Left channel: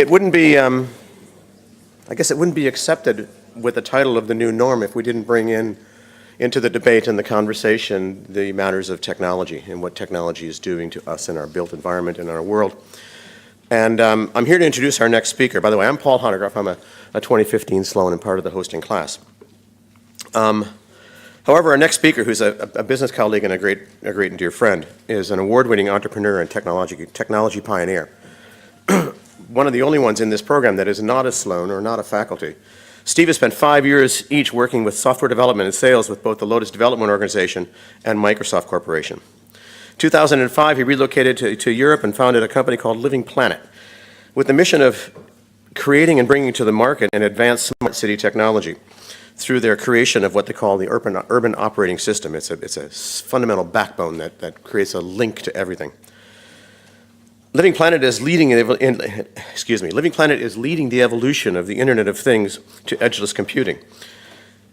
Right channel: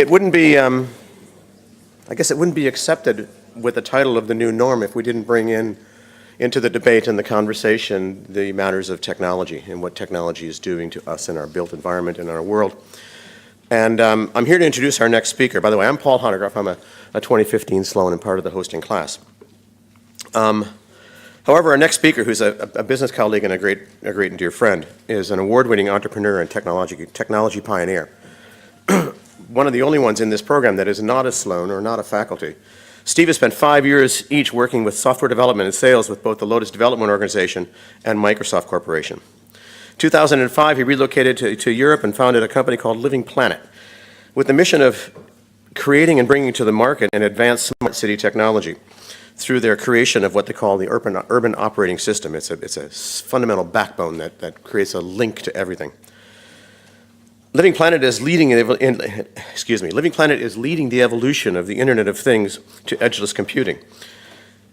It wouldn't be, I guess it wouldn't be accepted with the title of the new norm if we didn't bring into the debate and the conversation the matters of technology and what technology is doing to us in our built environment and our world. And I'm here to introduce our next speaker. By the way, I'm Paul Honegruff. I'm a 2015 Sloan and part of the hosting class. However, our next speaker, who's a business colleague and a great and dear friend, is an award-winning entrepreneur and technology pioneer. One of the only ones in this program that is not a Sloan or not a faculty. Steve has spent 5 years each working with software development and sales with both the Lotus Development Organization and Microsoft Corporation. In 2005, he relocated to Europe and founded a company called Living PlanIT with the mission of creating and bringing to the market an advanced smart city technology through their creation of what they call the urban operating system. It's a fundamental backbone that creates a link to everything. Living PlanIT is leading the evolution of the Internet of Things to edgeless computing.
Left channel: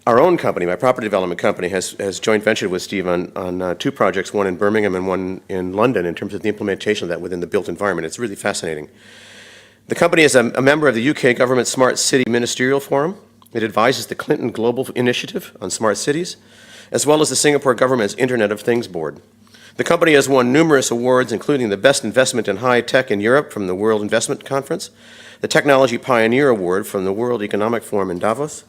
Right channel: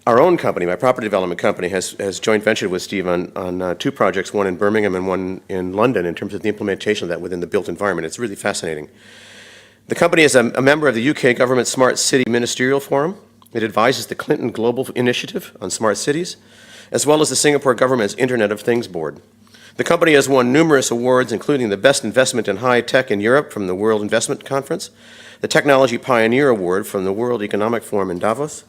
Our own company, my property development company, has joint ventured with Steve on 2 projects, one in Birmingham and one in London, in terms of the implementation of that within the built environment. It's really fascinating. The company is a member of the UK government Smart City Ministerial Forum. It advises the Clinton Global Initiative on Smart Cities, as well as the Singapore government's Internet of Things Board. The company has won numerous awards, including the Best Investment in High Tech in Europe from the World Investment Conference, the Technology Pioneer Award from the World Economic Forum in Davos,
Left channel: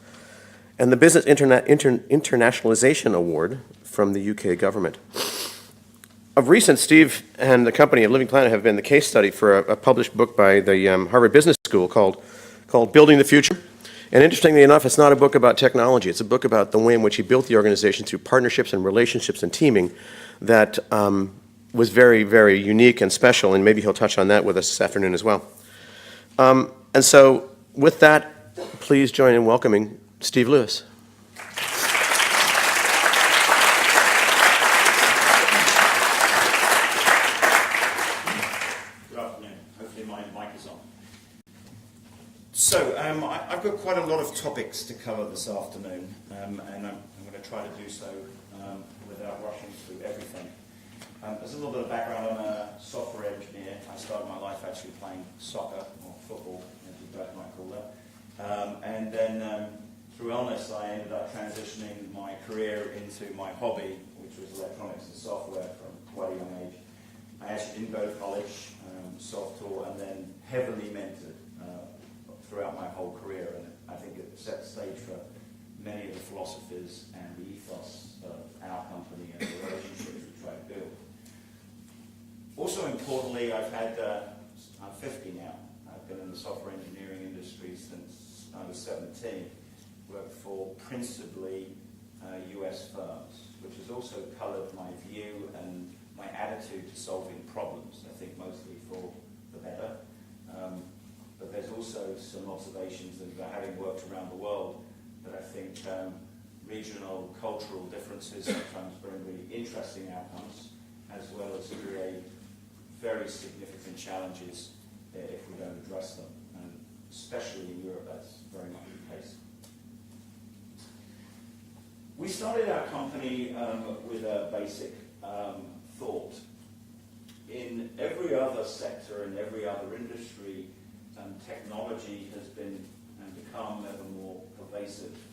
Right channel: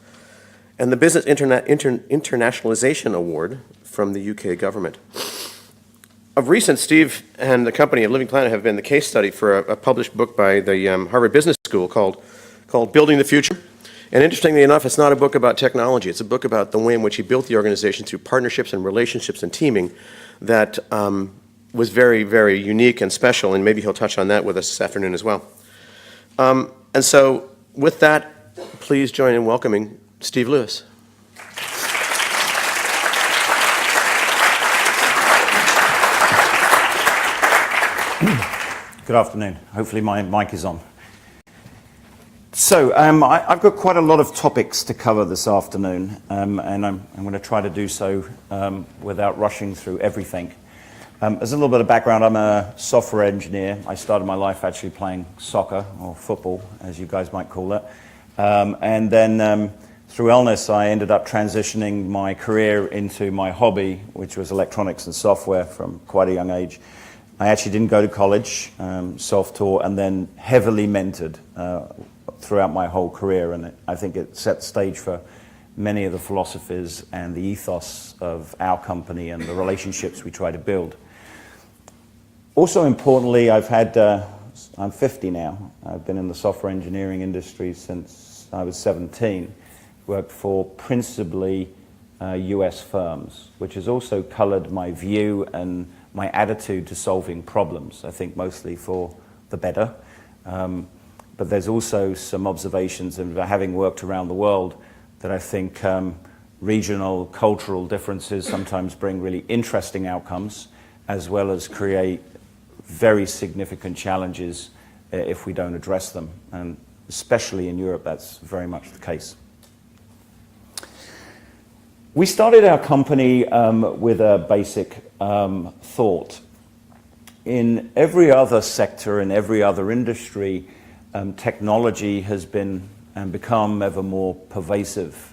and the Business Internationalization Award from the UK government. Of recent, Steve and the company of Living PlanIT have been the case study for a published book by the Harvard Business School called Building the Future. And interestingly enough, it's not a book about technology. It's a book about the way in which he built the organization through partnerships and relationships and teaming that was very, very unique and special, and maybe he'll touch on that with us this afternoon as well. And so with that, please join in welcoming Steve Lewis. Good afternoon. Hopefully my mic is on. So I've got quite a lot of topics to cover this afternoon, and I'm going to try to do so without rushing through everything. As a little bit of background, I'm a software engineer. I started my life actually playing soccer, or football, as you guys might call it. And then through illness, I ended up transitioning my career into my hobby, which was electronics and software from quite a young age. I actually didn't go to college, self-taught, and then heavily mentored throughout my whole career, and I think it set the stage for many of the philosophies and the ethos of our company and the relationships we try to build. Also importantly, I'm 50 now. I've been in the software engineering industry since I was 17. Worked for principally US firms, which has also colored my view and my attitude to solving problems, I think mostly for the better. But there's also some observations of having worked around the world that I think regional, cultural differences sometimes bring really interesting outcomes, as well as create very significant challenges if we don't address them. And especially in Europe, that's very much the case. We started our company with a basic thought. In every other sector, in every other industry, technology has been and become ever more pervasive.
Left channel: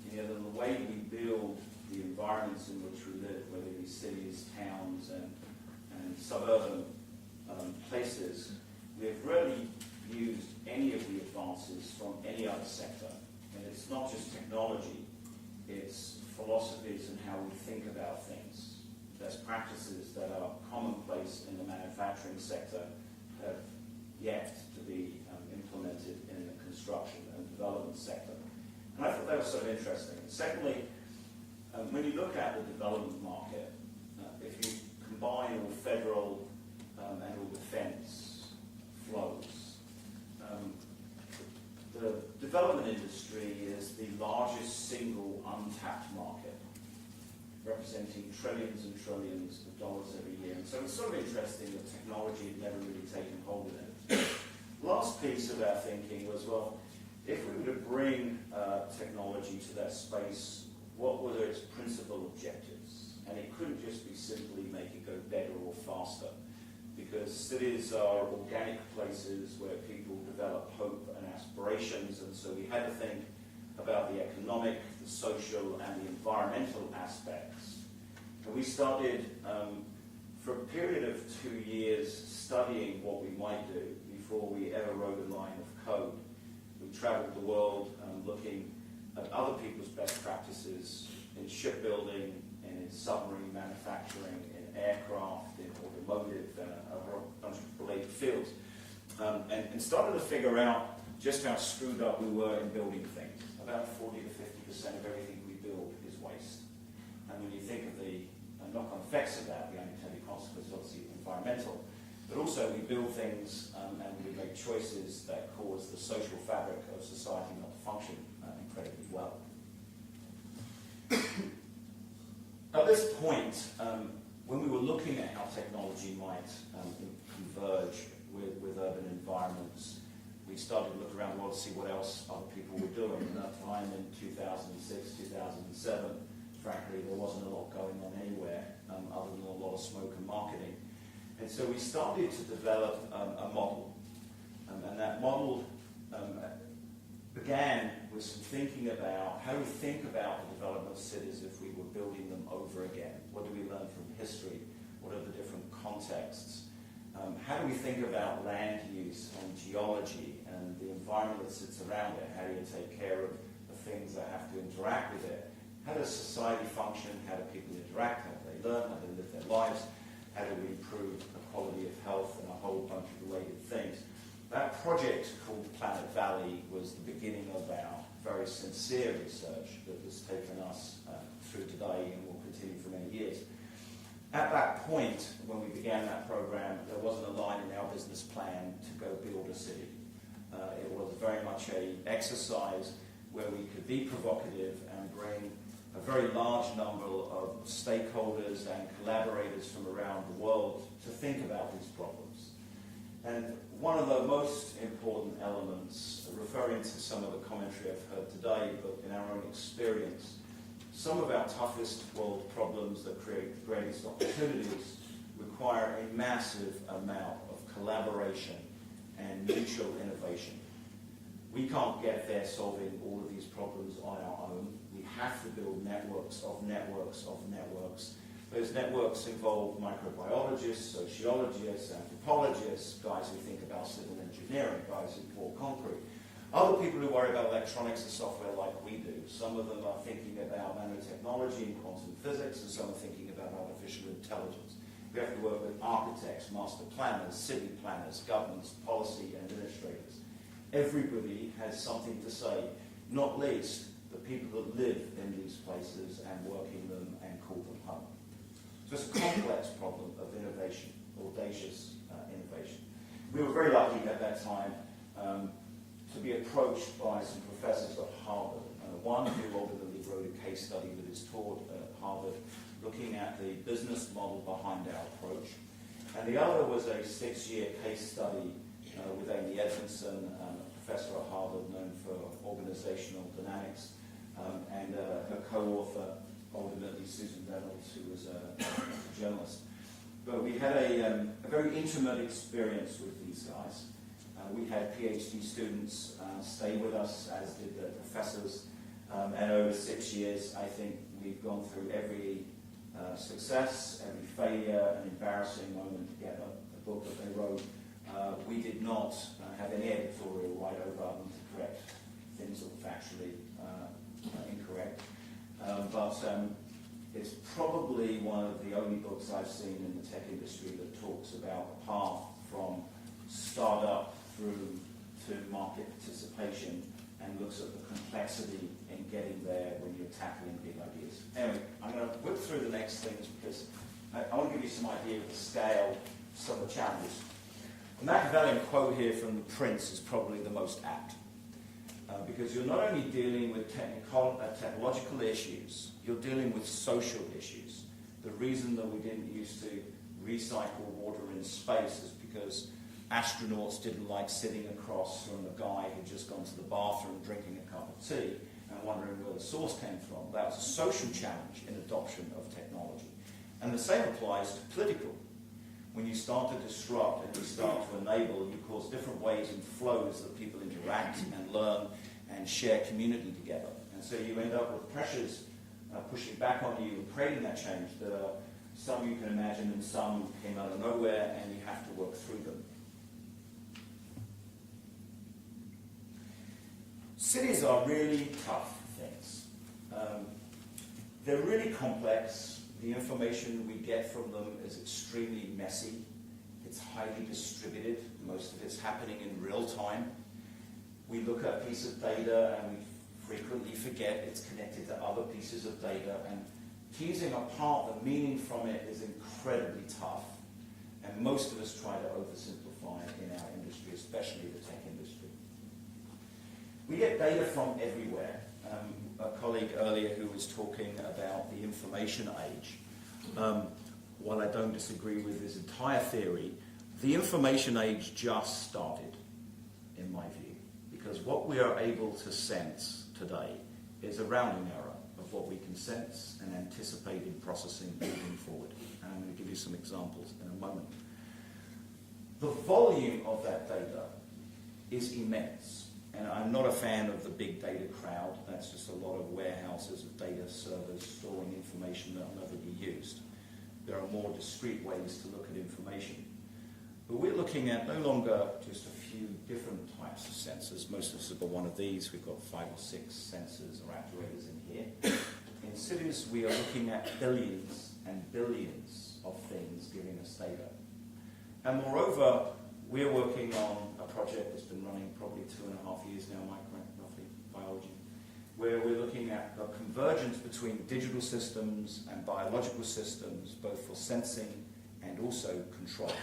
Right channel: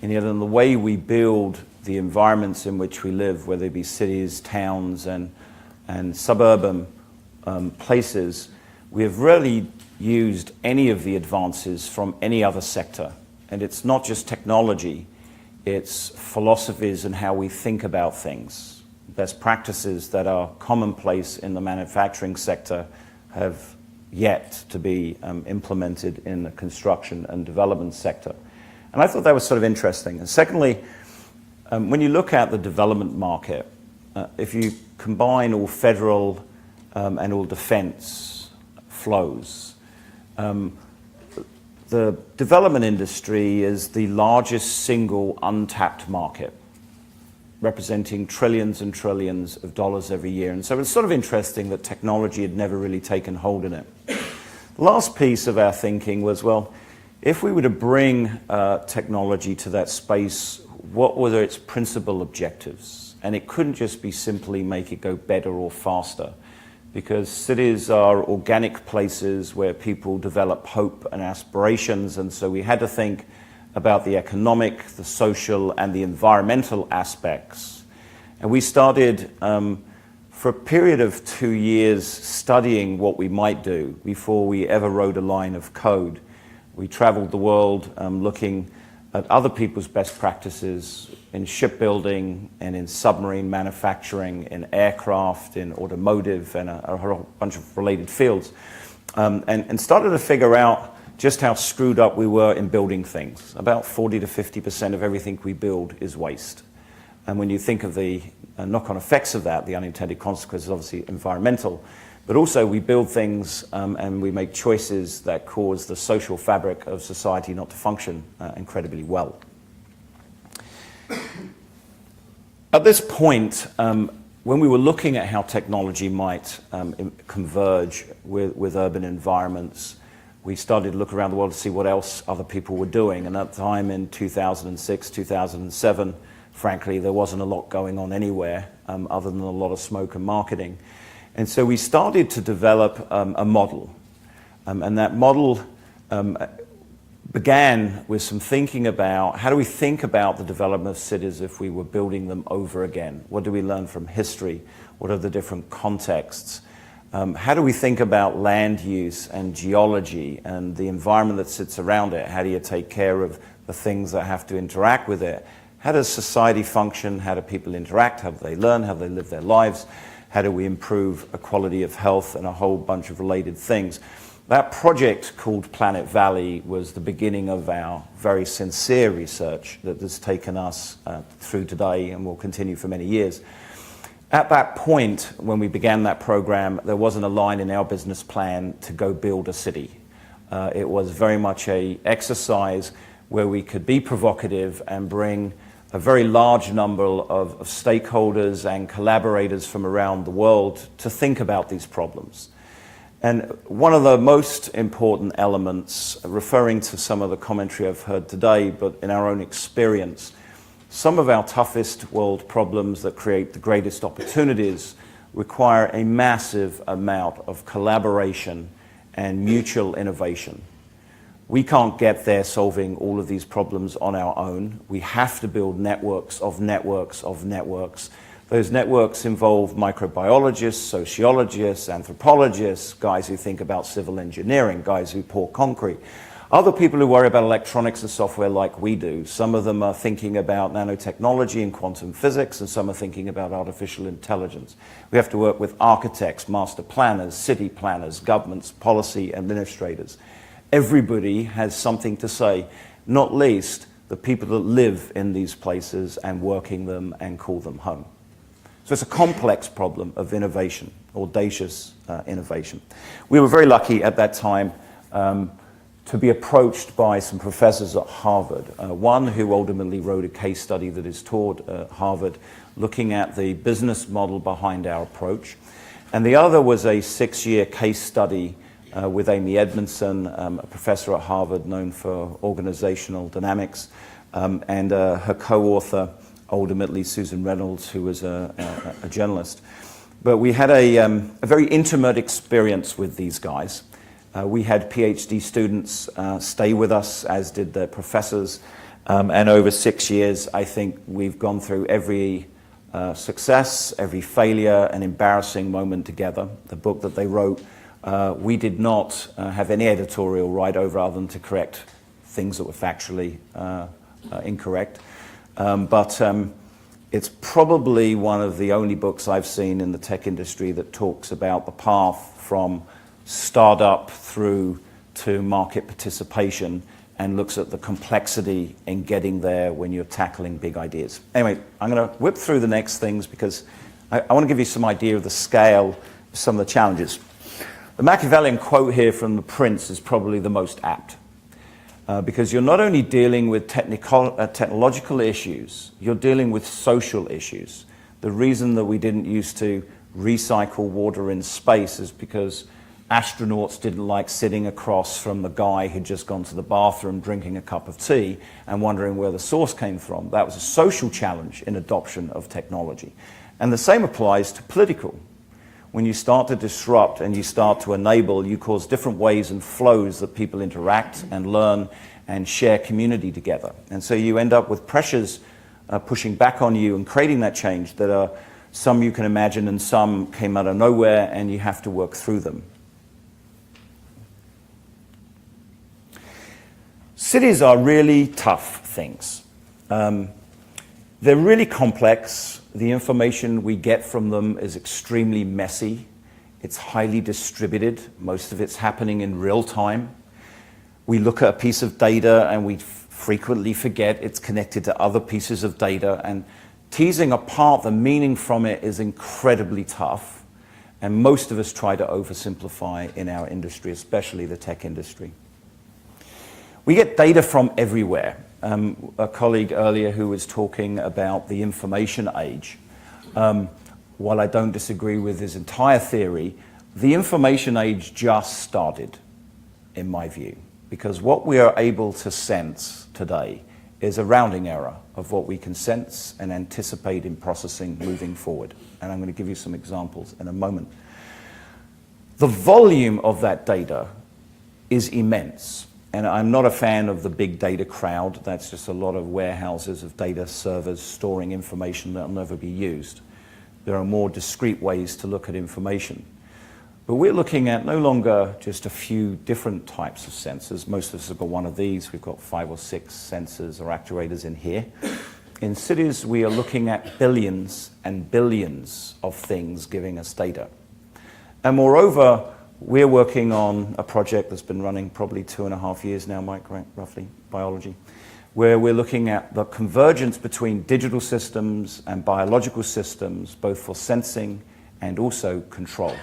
And yet in the way we build the environments in which we live, whether it be cities, towns, and suburban places, we have rarely used any of the advances from any other sector. And it's not just technology, it's philosophies and how we think about things. Best practices that are commonplace in the manufacturing sector have yet to be implemented in the construction and development sector. And I thought that was sort of interesting. And secondly, when you look at the development market, if you combine all federal and all defense flows, the development industry is the largest single untapped market, representing trillions and trillions of dollars every year. And so it's sort of interesting that technology had never really taken hold in it. The last piece of our thinking was, well, if we were to bring technology to that space, what were its principal objectives? And it couldn't just be simply make it go better or faster. because cities are organic places where people develop hope and aspirations, and so we had to think about the economic, the social, and the environmental aspects. And we started for a period of 2 years studying what we might do before we ever wrote a line of code. We traveled the world looking at other people's best practices in shipbuilding and in submarine manufacturing, in aircraft, in automotive, and a whole bunch of related fields, and started to figure out just how screwed up we were in building things. About 40 to 50% of everything we build is waste. And when you think of the knock-on effects of that, the unintended consequences, obviously environmental, but also we build things and we make choices that cause the social fabric of society not to function incredibly well. At this point, when we were looking at how technology might converge with urban environments, we started to look around the world to see what else other people were doing. And at the time in 2006, 2007, frankly, there wasn't a lot going on anywhere other than a lot of smoke and marketing. And so we started to develop a model. And that model began with some thinking about how do we think about the development of cities if we were building them over again? What do we learn from history? What are the different contexts? How do we think about land use and geology and the environment that sits around it? How do you take care of the things that have to interact with it? How does society function? How do people interact? How do they learn? How do they live their lives? How do we improve a quality of health and a whole bunch of related things? That project called Planet Valley was the beginning of our very sincere research that has taken us through today and will continue for many years. At that point, when we began that program, there wasn't a line in our business plan to go build a city. It was very much an exercise where we could be provocative and bring a very large number of stakeholders and collaborators from around the world to think about these problems. And one of the most important elements, referring to some of the commentary I've heard today, but in our own experience, some of our toughest world problems that create the greatest opportunities require a massive amount of collaboration and mutual innovation. We can't get there solving all of these problems on our own. We have to build networks of networks of networks. Those networks involve microbiologists, sociologists, anthropologists, guys who think about civil engineering, guys who pour concrete. Other people who worry about electronics and software like we do. Some of them are thinking about nanotechnology and quantum physics, and some are thinking about artificial intelligence. We have to work with architects, master planners, city planners, governments, policy administrators. Everybody has something to say, not least the people that live in these places and working them and call them home. So it's a complex problem of innovation, audacious innovation. We were very lucky at that time to be approached by some professors at Harvard. One who ultimately wrote a case study that is taught at Harvard looking at the business model behind our approach. And the other was a 6-year case study with Amy Edmondson, a professor at Harvard known for organizational dynamics, and her co-author, ultimately Susan Reynolds, who was a journalist. But we had a very intimate experience with these guys. We had PhD students stay with us, as did their professors, and over 6 years, I think we've gone through every success, every failure, and embarrassing moment together. The book that they wrote, we did not have any editorial right over other than to correct things that were factually incorrect. But it's probably one of the only books I've seen in the tech industry that talks about the path from startup through to market participation and looks at the complexity in getting there when you're tackling big ideas. Anyway, I'm going to whip through the next things because I want to give you some idea of the scale of some of the challenges. The Machiavellian quote here from The Prince is probably the most apt. Because you're not only dealing with technological issues, you're dealing with social issues. The reason that we didn't used to recycle water in space is because astronauts didn't like sitting across from the guy who'd just gone to the bathroom drinking a cup of tea and wondering where the source came from. That was a social challenge in adoption of technology. And the same applies to political. when you start to disrupt and you start to enable, you cause different ways and flows that people interact and learn and share community together. And so you end up with pressures pushing back on you and creating that change that are some you can imagine and some came out of nowhere and you have to work through them. Cities are really tough things. They're really complex. The information we get from them is extremely messy. It's highly distributed. Most of it's happening in real time. We look at a piece of data and we frequently forget it's connected to other pieces of data, and teasing apart the meaning from it is incredibly tough. And most of us try to oversimplify in our industry, especially the tech industry. We get data from everywhere. A colleague earlier who was talking about the information age, while I don't disagree with his entire theory, the information age just started, in my view, because what we are able to sense today is a rounding error of what we can sense and anticipate in processing moving forward. And I'm going to give you some examples in a moment. The volume of that data is immense. And I'm not a fan of the big data crowd. That's just a lot of warehouses of data servers storing information that will never be used. There are more discrete ways to look at information. But we're looking at no longer just a few different types of sensors. Most of us have got one of these. We've got 5 or 6 sensors or actuators in here. In cities, we are looking at billions and billions of things giving us data. And moreover, we're working on a project that's been running probably 2.5 years now, Mike, right, roughly, biology, where we're looking at the convergence between digital systems and biological systems, both for sensing and also control,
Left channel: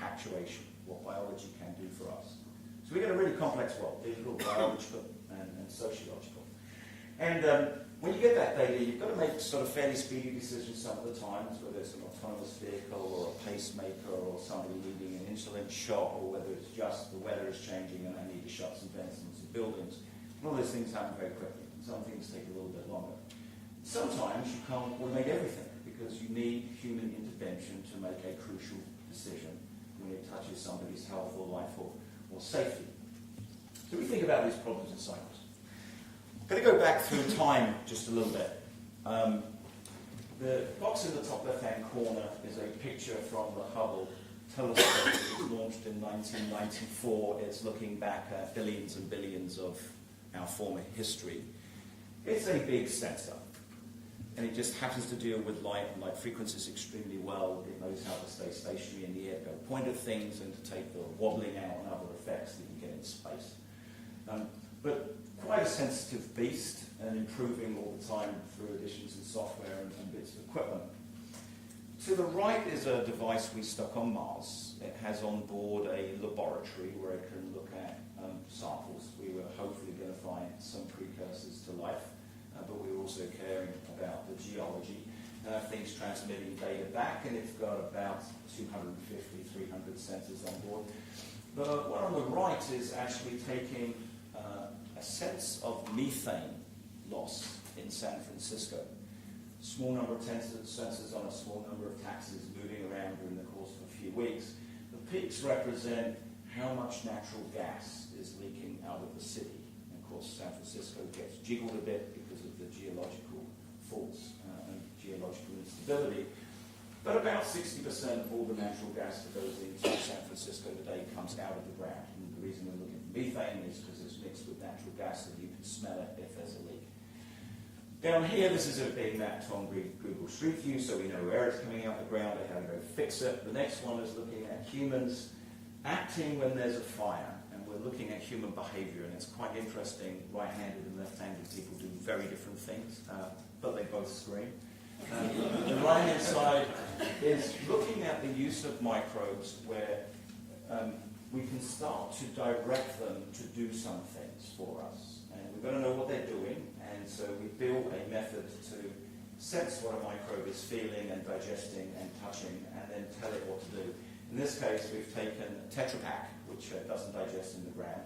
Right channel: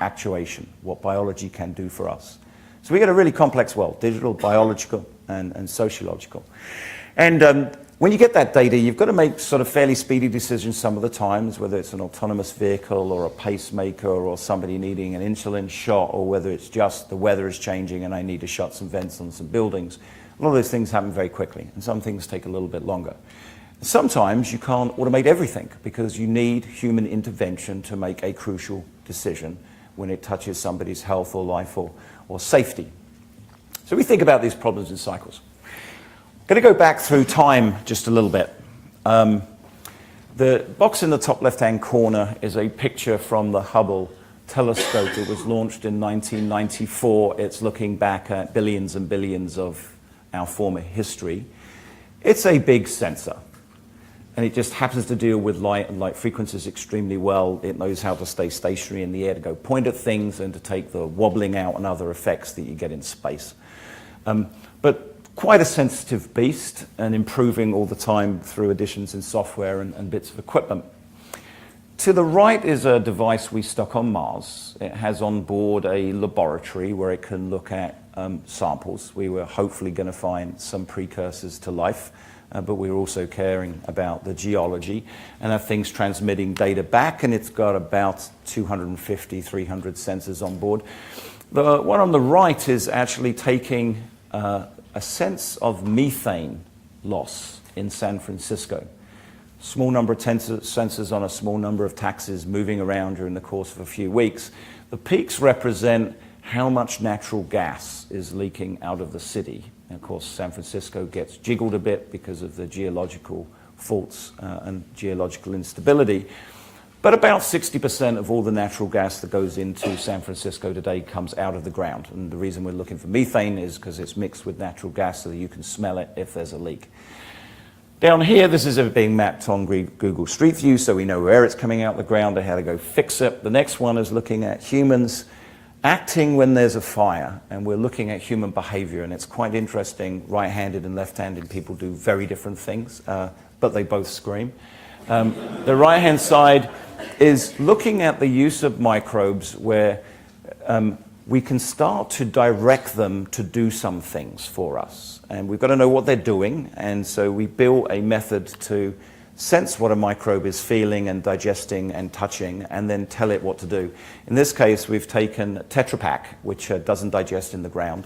actuation, what biology can do for us. So we get a really complex world, digital, biological, and sociological. And when you get that data, you've got to make sort of fairly speedy decisions some of the times, whether it's an autonomous vehicle or a pacemaker or somebody needing an insulin shot, or whether it's just the weather is changing and I need to shut some vents on some buildings. A lot of those things happen very quickly, and some things take a little bit longer. Sometimes you can't automate everything because you need human intervention to make a crucial decision when it touches somebody's health or life or safety. So we think about these problems in cycles. I'm going to go back through time just a little bit. The box in the top left-hand corner is a picture from the Hubble telescope. It was launched in 1994. It's looking back at billions and billions of our former history. It's a big sensor, and it just happens to deal with light and light frequencies extremely well. It knows how to stay stationary in the air, to go point at things and to take the wobbling out and other effects that you get in space. But quite a sensitive beast, and improving all the time through additions in software and bits of equipment. To the right is a device we stuck on Mars. It has on board a laboratory where it can look at samples. We were hopefully going to find some precursors to life, but we were also caring about the geology and have things transmitting data back, and it's got about 250, 300 sensors on board. The one on the right is actually taking a sense of methane loss in San Francisco. Small number of sensors on a small number of taxis moving around during the course of a few weeks. The peaks represent how much natural gas is leaking out of the city. And of course, San Francisco gets jiggled a bit because of the geological faults and geological instability. But about 60% of all the natural gas that goes into San Francisco today comes out of the ground. And the reason we're looking for methane is because it's mixed with natural gas so that you can smell it if there's a leak. Down here, this is being mapped on Google Street View, so we know where it's coming out of the ground and how to go fix it. The next one is looking at humans acting when there's a fire, and we're looking at human behavior, and it's quite interesting. Right-handed and left-handed people do very different things, but they both scream. The right-hand side is looking at the use of microbes where we can start to direct them to do some things for us. And we've got to know what they're doing, and so we build a method to sense what a microbe is feeling and digesting and touching, and then tell it what to do. In this case, we've taken Tetra Pak, which doesn't digest in the ground,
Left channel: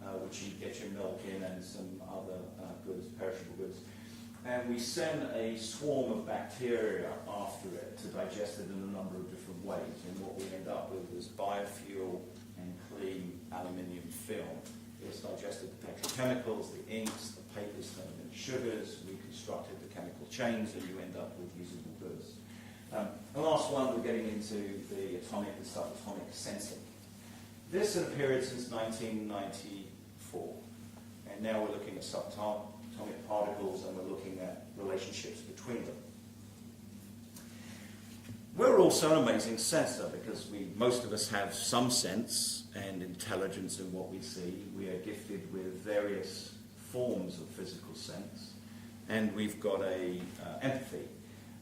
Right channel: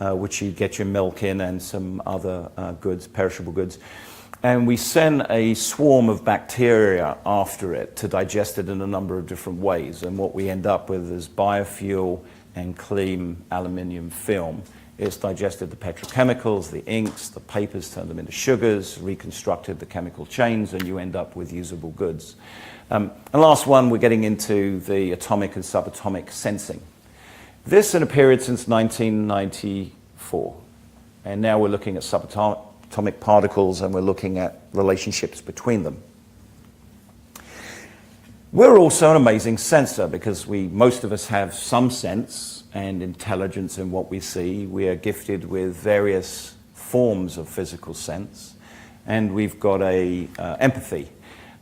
which you get your milk in and some other goods, perishable goods. and we send a swarm of bacteria after it to digest it in a number of different ways. And what we end up with is biofuel and clean aluminium film. It's digested the petrochemicals, the inks, the papers, turned them into sugars, reconstructed the chemical chains, and you end up with usable goods. And last one, we're getting into the atomic and subatomic sensing. This in a period since 1994. And now we're looking at subatomic particles, and we're looking at relationships between them. We're also an amazing sensor because most of us have some sense and intelligence in what we see. We are gifted with various forms of physical sense, and we've got empathy.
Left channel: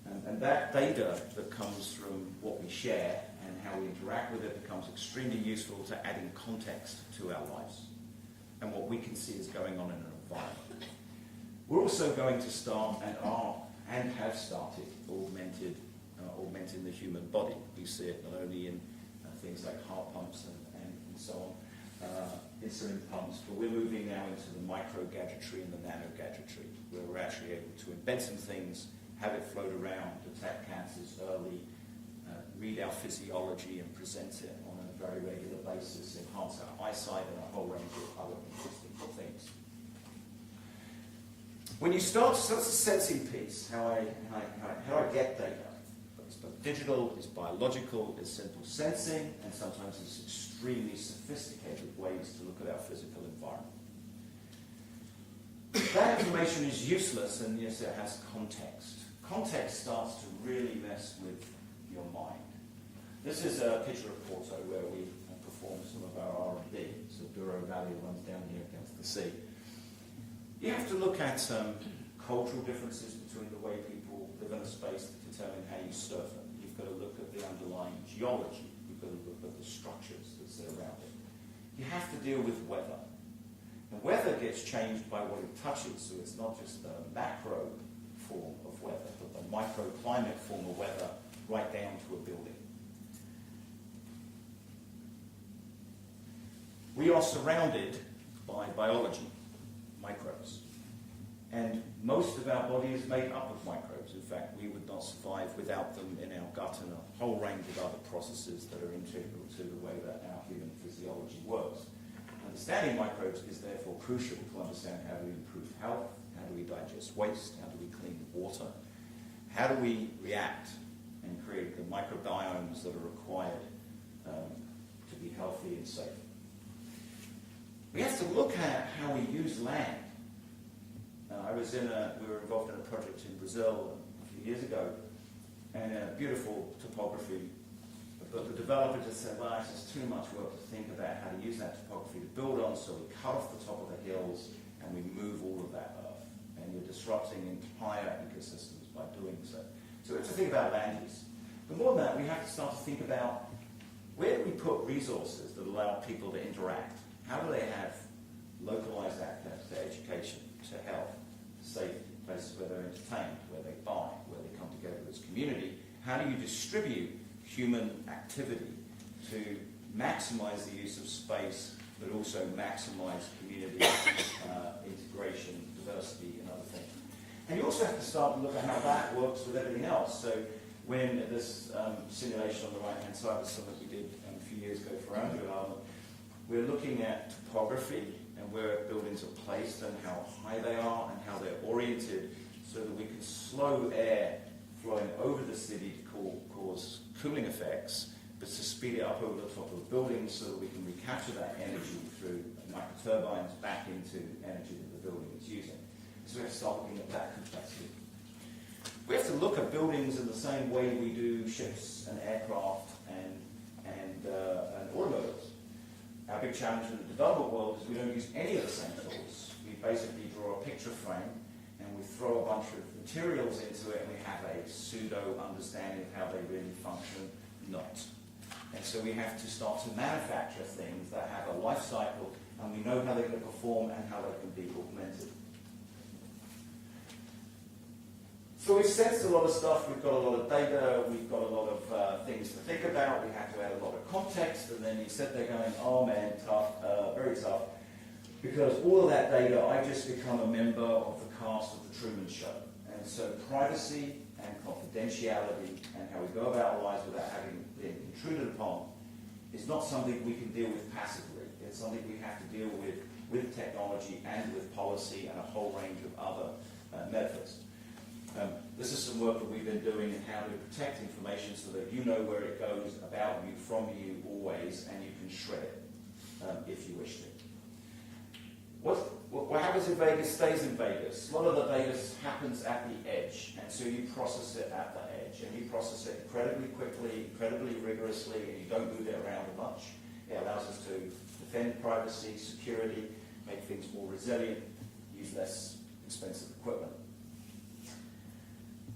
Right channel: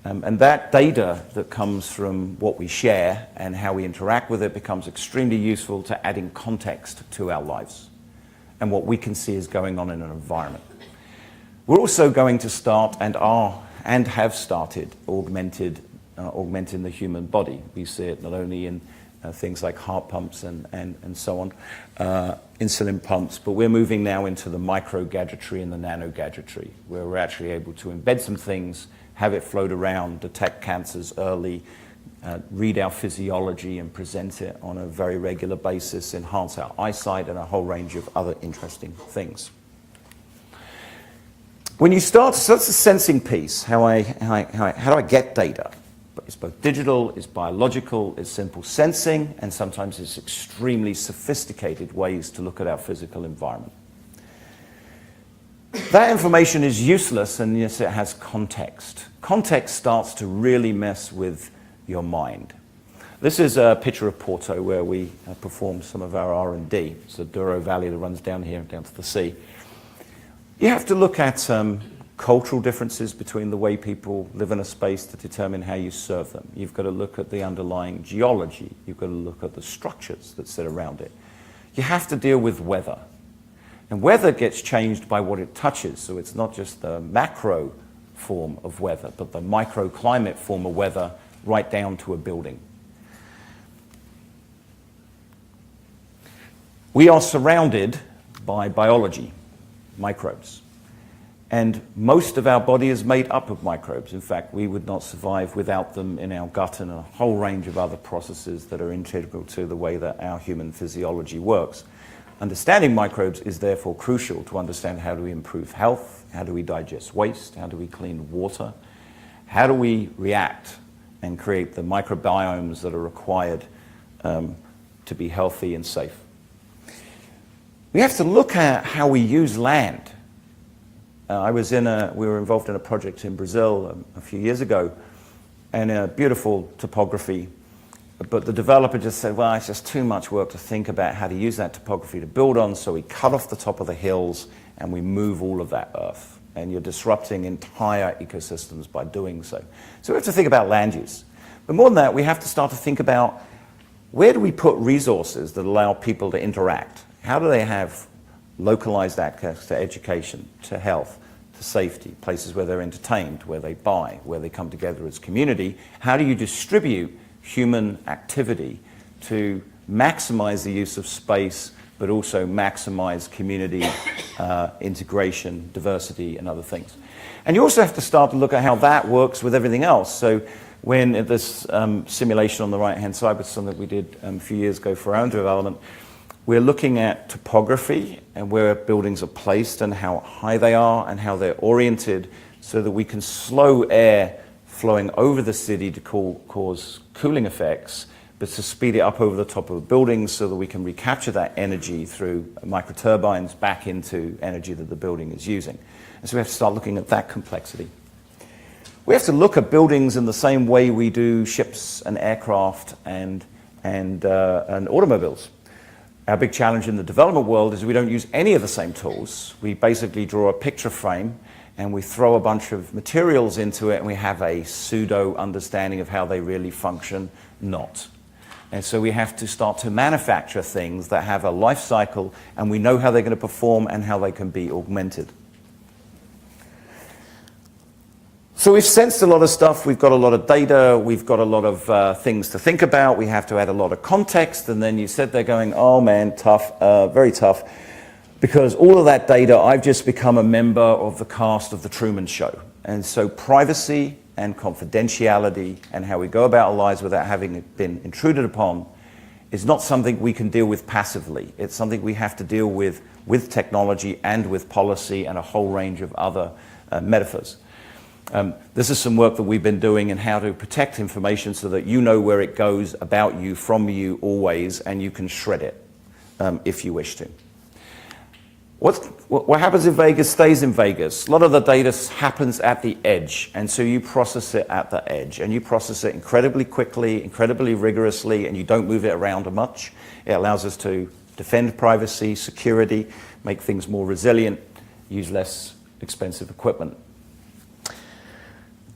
And that data that comes from what we share and how we interact with it becomes extremely useful to adding context to our lives and what we can see is going on in an environment. We're also going to start and have started augmenting the human body. We see it not only in things like heart pumps and so on, insulin pumps, but we're moving now into the micro gadgetry and the nano gadgetry, where we're actually able to embed some things, have it float around, detect cancers early, read our physiology and present it on a very regular basis, enhance our eyesight and a whole range of other interesting things. When you start, so that's the sensing piece, how do I get data? It's both digital, it's biological, it's simple sensing, and sometimes it's extremely sophisticated ways to look at our physical environment. That information is useless unless it has context. Context starts to really mess with your mind. This is a picture of Porto where we perform some of our R&D. It's the Douro Valley that runs down here, down to the sea. You have to look at cultural differences between the way people live in a space to determine how you serve them. You've got to look at the underlying geology. You've got to look at the structures that sit around it. You have to deal with weather. And weather gets changed by what it touches, so it's not just the macro form of weather, but the microclimate form of weather right down to a building. We are surrounded by biology, microbes. And most of our body is made up of microbes. In fact, we would not survive without them in our gut and a whole range of other processes that are integral to the way that our human physiology works. Understanding microbes is therefore crucial to understand how do we improve health, how do we digest waste, how do we clean water, how do we react and create the microbiomes that are required to be healthy and safe. We have to look at how we use land. We were involved in a project in Brazil a few years ago, and a beautiful topography, but the developer just said, well, it's just too much work to think about how to use that topography to build on, so we cut off the top of the hills and we move all of that earth. And you're disrupting entire ecosystems by doing so. So we have to think about land use. But more than that, we have to start to think about where do we put resources that allow people to interact? How do they have localized access to education, to health, to safety, places where they're entertained, where they buy, where they come together as community? How do you distribute human activity to maximize the use of space, but also maximize community integration, diversity, and other things? And you also have to start to look at how that works with everything else. So when this simulation on the right-hand side was something that we did a few years ago for our own development, we're looking at topography and where buildings are placed and how high they are and how they're oriented so that we can slow air flowing over the city to cause cooling effects, but to speed it up over the top of the buildings so that we can recapture that energy through microturbines back into energy that the building is using. And so we have to start looking at that complexity. We have to look at buildings in the same way we do ships and aircraft and automobiles. Our big challenge in the development world is we don't use any of the same tools. We basically draw a picture frame and we throw a bunch of materials into it and we have a pseudo understanding of how they really function, not. And so we have to start to manufacture things that have a life cycle and we know how they're going to perform and how they can be augmented. So we've sensed a lot of stuff, we've got a lot of data, we've got a lot of things to think about, we have to add a lot of context, and then you said they're going, oh man, tough, very tough, because all of that data, I've just become a member of the cast of The Truman Show. And so privacy and confidentiality and how we go about our lives without having been intruded upon is not something we can deal with passively. It's something we have to deal with technology and with policy and a whole range of other metaphors. This is some work that we've been doing in how to protect information so that you know where it goes about you, from you, always, and you can shred it if you wish to. What happens in Vegas stays in Vegas. A lot of the data happens at the edge, and so you process it at the edge, and you process it incredibly quickly, incredibly rigorously, and you don't move it around much. It allows us to defend privacy, security, make things more resilient, use less expensive equipment.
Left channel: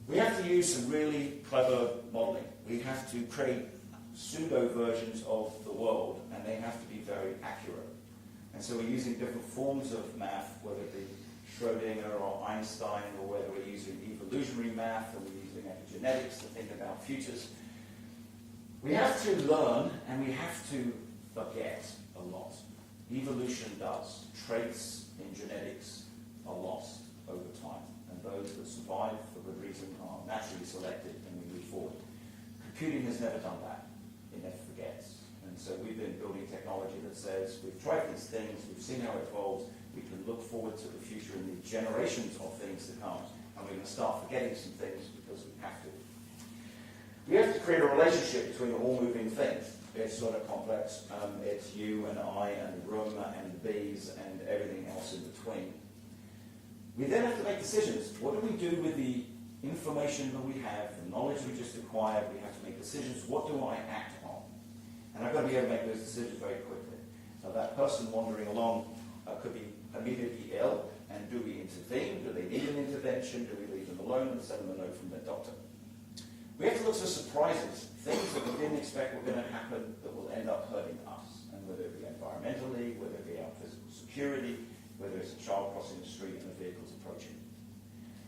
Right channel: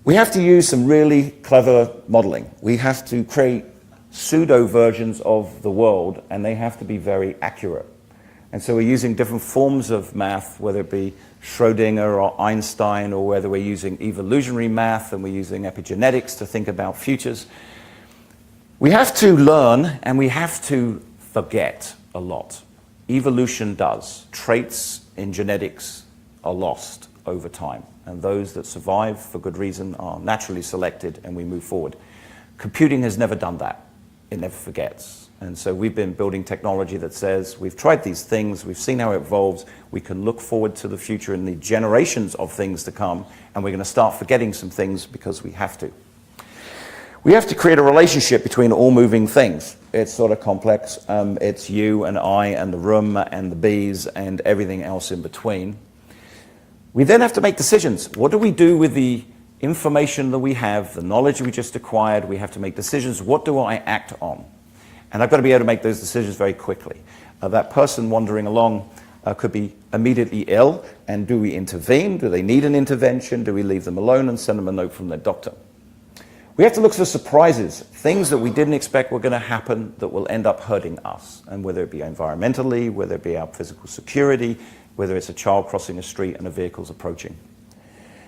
We have to use some really clever modeling. We have to create pseudo versions of the world, and they have to be very accurate. And so we're using different forms of math, whether it be Schrodinger or Einstein, or whether we're using evolutionary math and we're using epigenetics to think about futures. We have to learn and we have to forget a lot. Evolution does. Traits in genetics are lost over time, and those that survive for good reason are naturally selected and we move forward. Computing has never done that. It never forgets. And so we've been building technology that says we've tried these things, we've seen how it evolves, we can look forward to the future and the generations of things to come, and we're going to start forgetting some things because we have to. We have to create a relationship between all moving things. It's sort of complex. It's you and I and the room and the bees and everything else in between. We then have to make decisions. What do we do with the information that we have, the knowledge we just acquired? We have to make decisions. What do I act on? And I've got to be able to make those decisions very quickly. That person wandering along could be immediately ill, and do we intervene? Do they need an intervention? Do we leave them alone and send them a note from their doctor? We have to look for surprises, things that we didn't expect were going to happen that will end up hurting us, and whether it be environmentally, whether it be our physical security, whether it's a child crossing a street and a vehicle's approaching.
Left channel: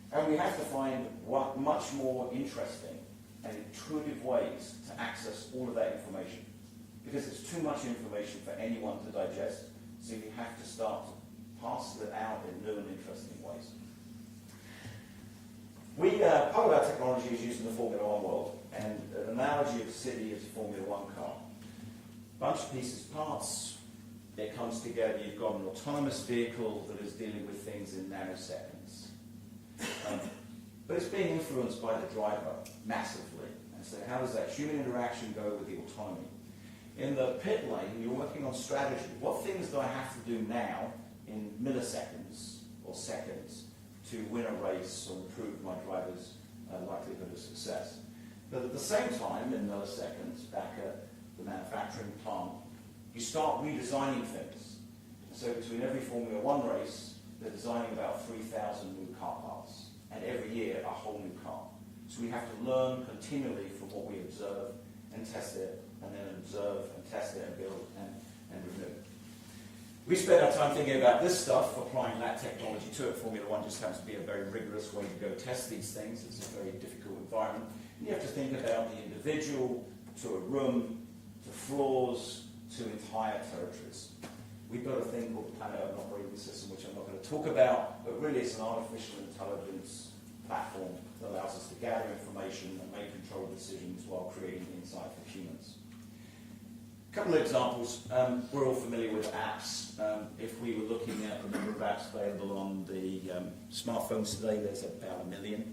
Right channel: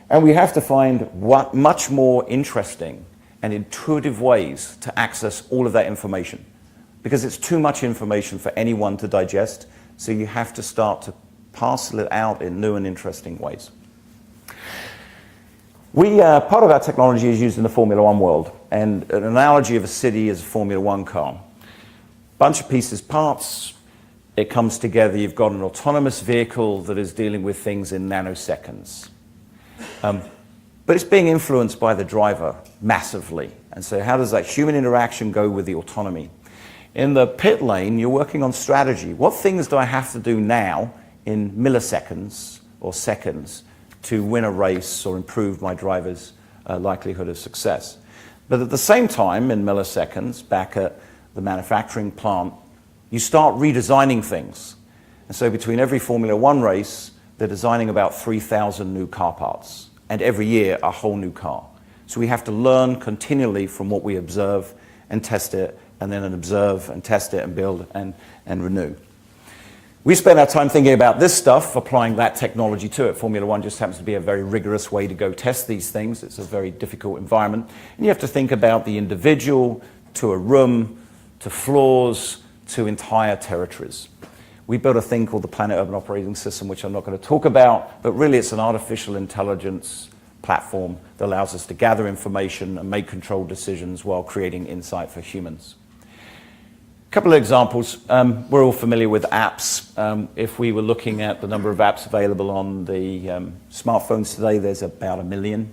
And we have to find much more interesting and intuitive ways to access all of that information, because it's too much information for anyone to digest, so you have to start to parcel it out in new and interesting ways. Part of our technology is used in the Formula One world, and an analogy of a city is a Formula One car. Bunch of pieces, parts, it comes together, you've got an autonomous vehicle that is dealing with things in nanoseconds. But it's being influenced by the driver massively, and so how does that human interaction go with the autonomy? In the pit lane, you're working on strategy. What things do I have to do now in milliseconds or seconds to win a race or improve my driver's likelihood of success? But at the same time, in milliseconds, back at the manufacturing plant, you start redesigning things. And so between every Formula One race, they're designing about 3,000 new car parts, and every year a whole new car. So we have to learn continually from what we observe and test it, and then observe and test it and build and renew. We spend our time thinking about this stuff, applying that technology to it. Formula One just happens to be a very rigorous way to go test these things. It's a very difficult environment. And you have to think about the individual, to a room, to floors, to entire territories. We built a thing called the PlanIT Urban Operating System, which I'm not going to talk about, but really it's an artificial intelligence platform that allows us to gather information and make controlled decisions while creating insight for humans. A couple of examples. We're all familiar with apps. If we were looking at the number of apps available on the smartphones today, there's about 1 million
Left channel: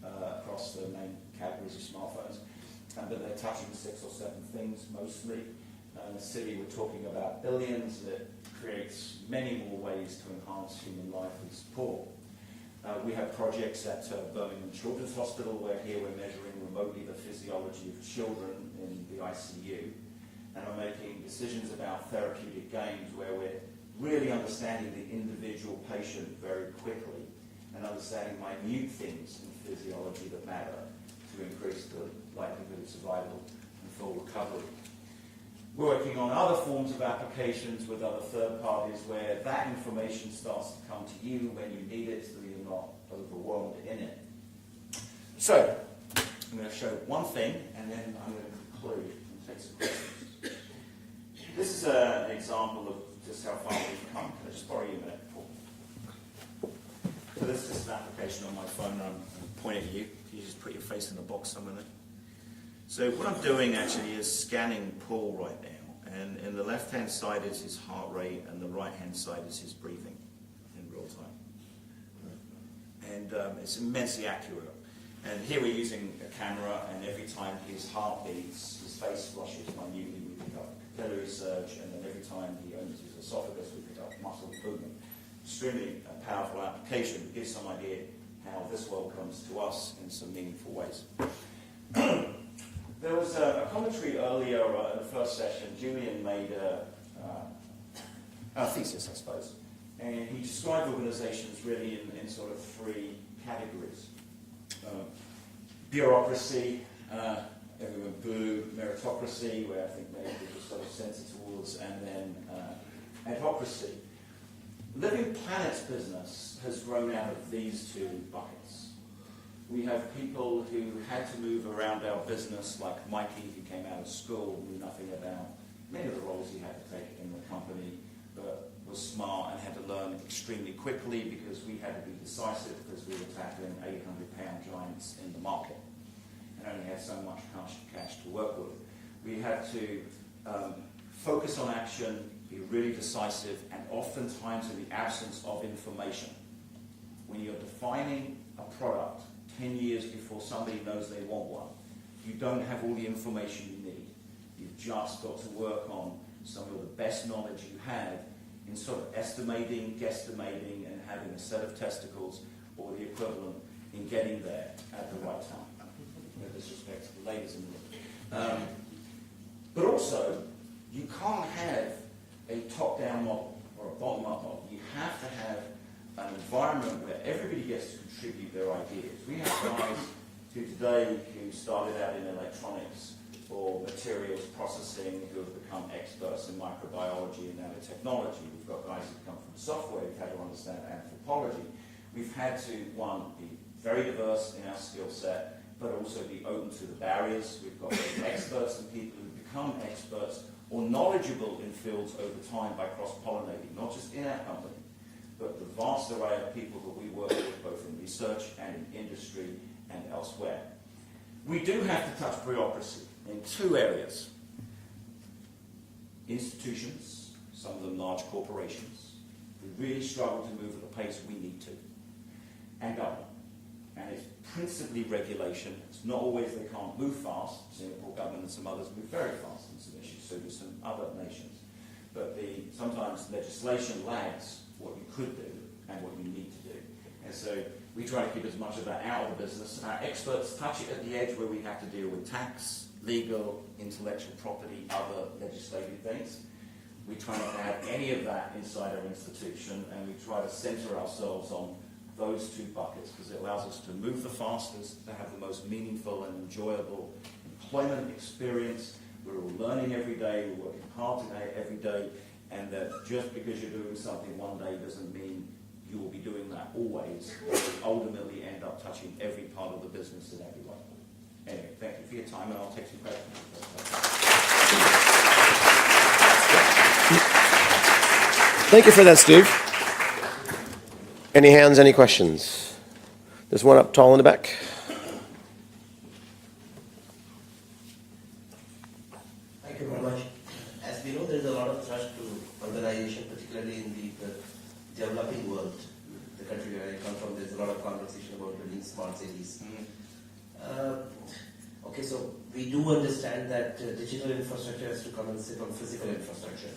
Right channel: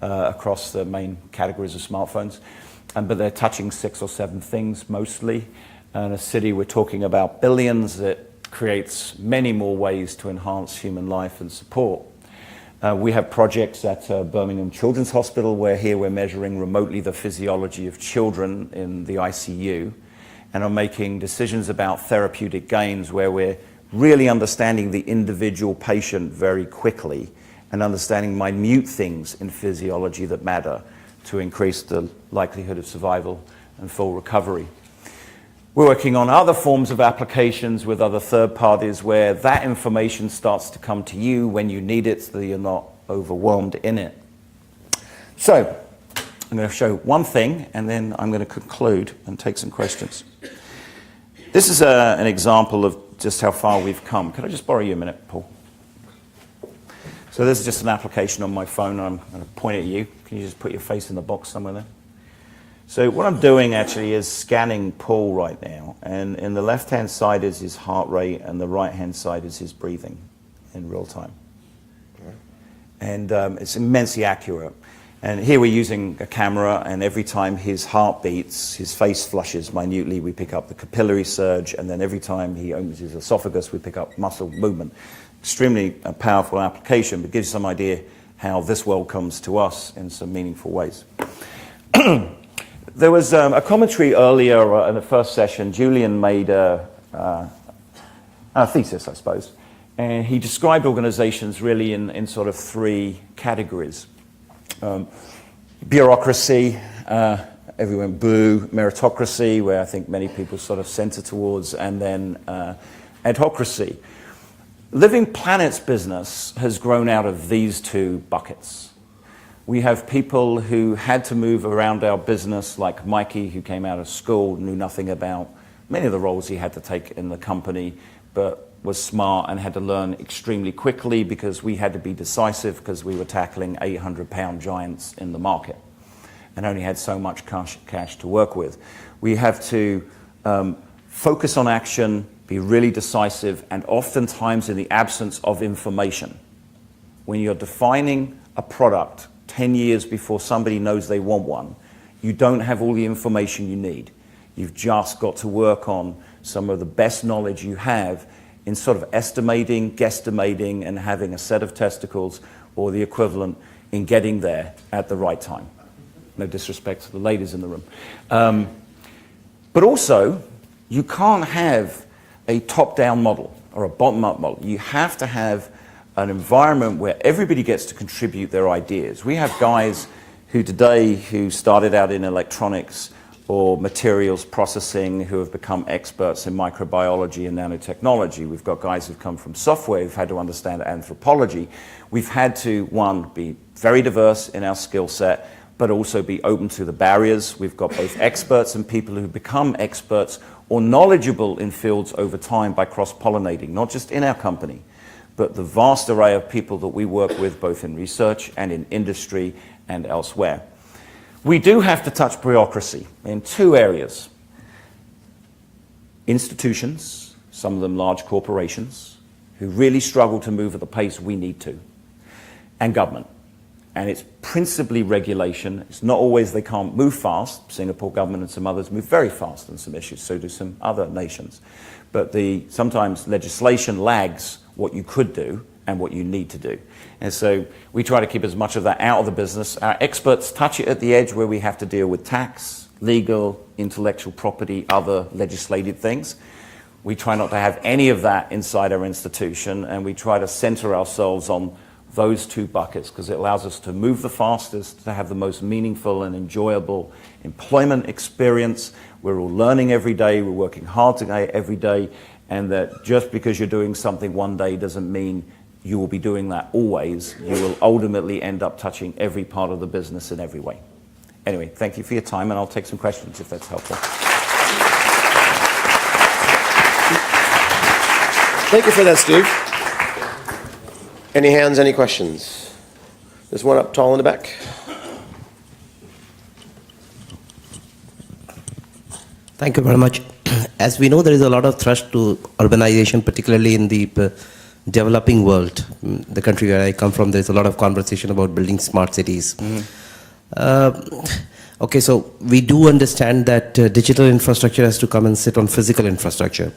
across the main categories of smartphones. But they're touching 6 or 7 things mostly. In a city, we're talking about billions. It creates many more ways to enhance human life and support. We have projects at Birmingham Children's Hospital where here we're measuring remotely the physiology of children in the ICU, and are making decisions about therapeutic gains where we're really understanding the individual patient very quickly and understanding minute things in physiology that matter to increase the likelihood of survival and full recovery. We're working on other forms of applications with other third parties where that information starts to come to you when you need it so that you're not overwhelmed in it. So, I'm going to show one thing and then I'm going to conclude and take some questions. This is an example of just how far we've come. Could I just borrow you a minute, Paul? So So this is just an application on my phone. I'm going to point at you. Can you just put your face in the box somewhere there? So what I'm doing actually is scanning Paul right now. And in the left-hand side is his heart rate, and the right-hand side is his breathing in real time. And it's immensely accurate. And here we're using a camera, and every time his heart beats, his face flushes minutely. We pick up the capillary surge, and then every time he opens his esophagus, we pick up muscle movement. Extremely powerful application, but gives you some idea how this world comes to us in some meaningful ways. There was a commentary earlier in the first session. Julian made a thesis, I suppose, and he described organizations really in sort of three categories. Bureaucracy, everyone boo, meritocracy, where I think many people sort of center towards, and then adhocracy. Living PlanIT's business has grown out of these two buckets. We have people who had to move around our business, like Mikey, who came out of school, knew nothing about many of the roles he had to take in the company, but was smart and had to learn extremely quickly because we had to be decisive because we were tackling 800-pound giants in the market and only had so much cash to work with. We have to focus on action, be really decisive, and oftentimes in the absence of information. When you're defining a product 10 years before somebody knows they want one, you don't have all the information you need. You've just got to work on some of the best knowledge you have in sort of estimating, guesstimating, and having a set of testicles or the equivalent in getting there at the right time. No disrespect to the ladies in the room. But also, you can't have a top-down model or a bottom-up model. You have to have an environment where everybody gets to contribute their ideas. We have guys who started out in electronics or materials processing who have become experts in microbiology and nanotechnology. We've got guys who've come from software who've had to understand anthropology. We've had to, one, be very diverse in our skill set, but also be open to the barriers. We've got both experts and people who become experts or knowledgeable in fields over time by cross-pollinating, not just in our company, but the vast array of people that we work with both in research and in industry and elsewhere. We do have to touch bureaucracy in two areas. Institutions, some of them large corporations, who really struggle to move at the pace we need to, and government. And it's principally regulation. It's not always they can't move fast. Singapore government and some others move very fast on some issues, so do some other nations. But sometimes legislation lags what you could do and what you need to do. And so we try to keep as much of that out of the business. Our experts touch it at the edge where we have to deal with tax, legal, intellectual property, other legislative things. We try not to have any of that inside our institution, and we try to center ourselves on those two buckets because it allows us to move the fastest, to have the most meaningful and enjoyable employment experience. We're all learning every day, we're working hard together every day, and that just because you're doing something one day doesn't mean you will be doing that always. You will ultimately end up touching every part of the business in every way. Anyway, thank you for your time, and I'll take some questions if that's helpful. Thank you for that, Steve. Any hands, any questions? There's one up tall in the back. Thank you very much. As we know, there is a lot of thrust to urbanization, particularly in the developing world. The country where I come from, there's a lot of conversation about building smart cities. Okay, so we do understand that digital infrastructure has to come and sit on physical infrastructure.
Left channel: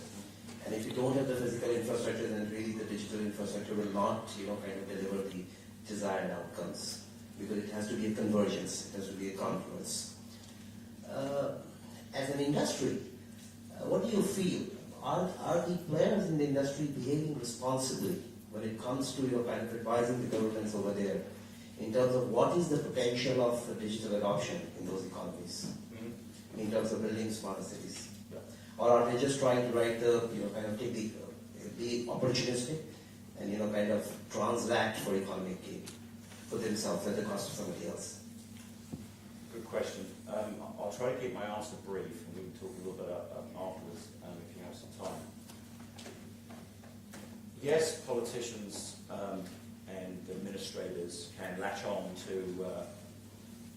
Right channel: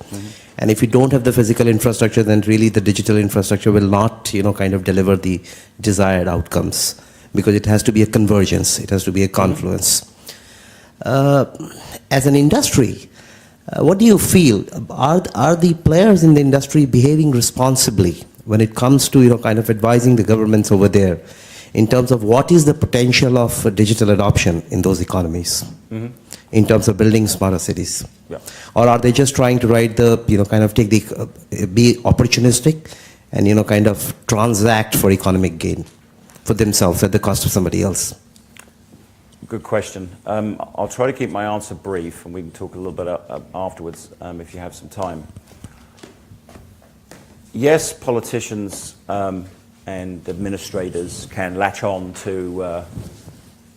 And if you don't have the physical infrastructure, then really the digital infrastructure will not, kind of deliver the desired outcomes, because it has to be a convergence, it has to be a confluence. As an industry, what do you feel? Are the players in the industry behaving responsibly when it comes to, kind of advising the governments over there in terms of what is the potential of digital adoption in those economies, in terms of building smarter cities? Yeah. Or are they just trying to ride the, kind of be opportunistic and, kind of transact for economic gain for themselves at the cost of somebody else? Good question. I'll try to keep my answer brief, and we can talk a little bit afterwards if you have some time. Yes, politicians and and administrators can latch on to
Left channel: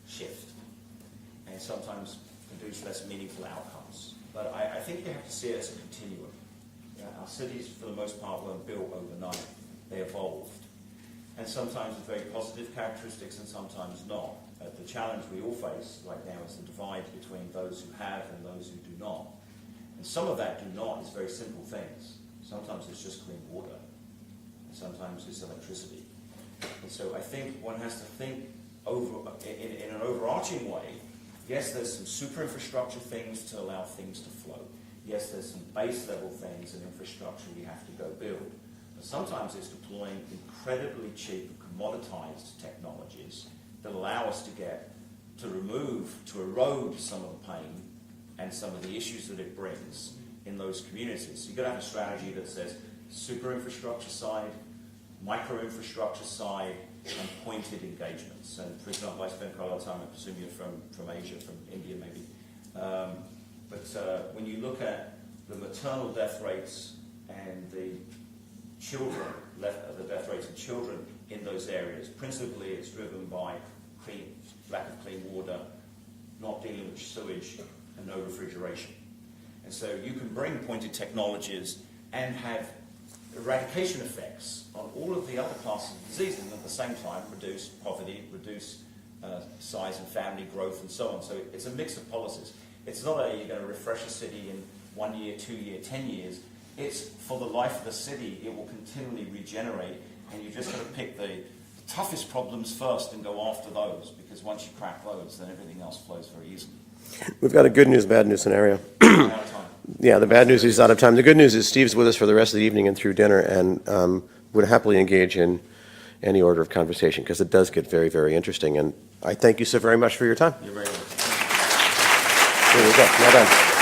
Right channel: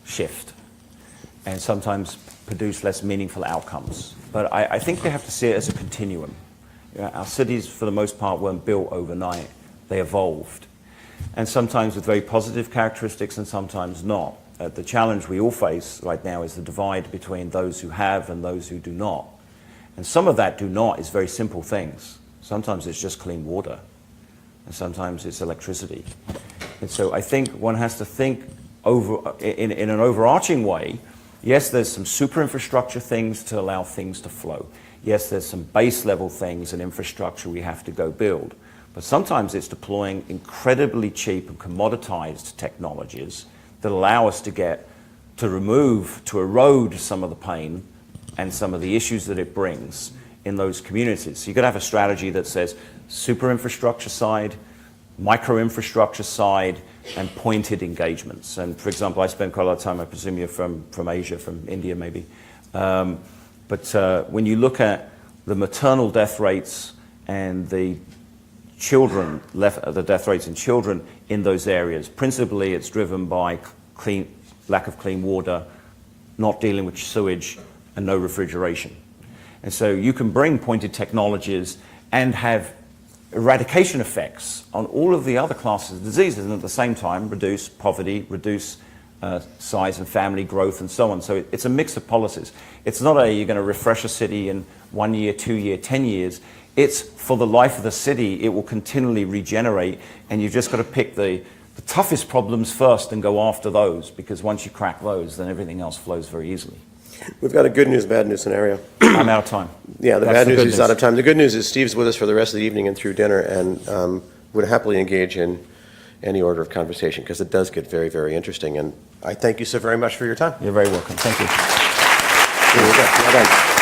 shift and sometimes produce less meaningful outcomes. But I think we have to see it as a continuum. Our cities, for the most part, weren't built overnight. They evolved. And sometimes with very positive characteristics and sometimes not. The challenge we all face right now is the divide between those who have and those who do not. And some of that do not is very simple things. Sometimes it's just clean water, and sometimes it's electricity. And so I think one has to think in an overarching way. Yes, there's some super infrastructure things to allow things to flow. Yes, there's some base level things and infrastructure we have to go build. But sometimes it's deploying incredibly cheap and commoditized technologies that allow us to erode some of the pain and some of the issues that it brings in those communities. So you've got to have a strategy that says super infrastructure side, micro infrastructure side, and pointed engagements. And for example, I spend quite a lot of time, I presume you're from Asia, from India maybe. But when you look at the maternal death rates and the death rates in children in those areas, principally it's driven by lack of clean water, not dealing with sewage, and no refrigeration. And so you can bring pointed technologies and have eradication effects on all of the other classes of diseases, and at the same time reduce poverty, reduce size and family growth, and so on. So it's a mix of policies. It's not you're going to refresh a city in 1 year, 2 year, 10 years. It's for the life of the city. It will continually regenerate, and you've just got to pick the toughest problems first and go after those, because once you crack those, then everything else flows very easily. We've got a good news, bad news scenario. I'm out of time. Yeah, the That's bad the news good is out of time. The good news is Steve's with us for the rest of the evening and through dinner, and would happily engage in any order of conversation, because it does get very, very interesting. And I thank you so very much for your time. You're very welcome. Thank you. Here we go. Well done.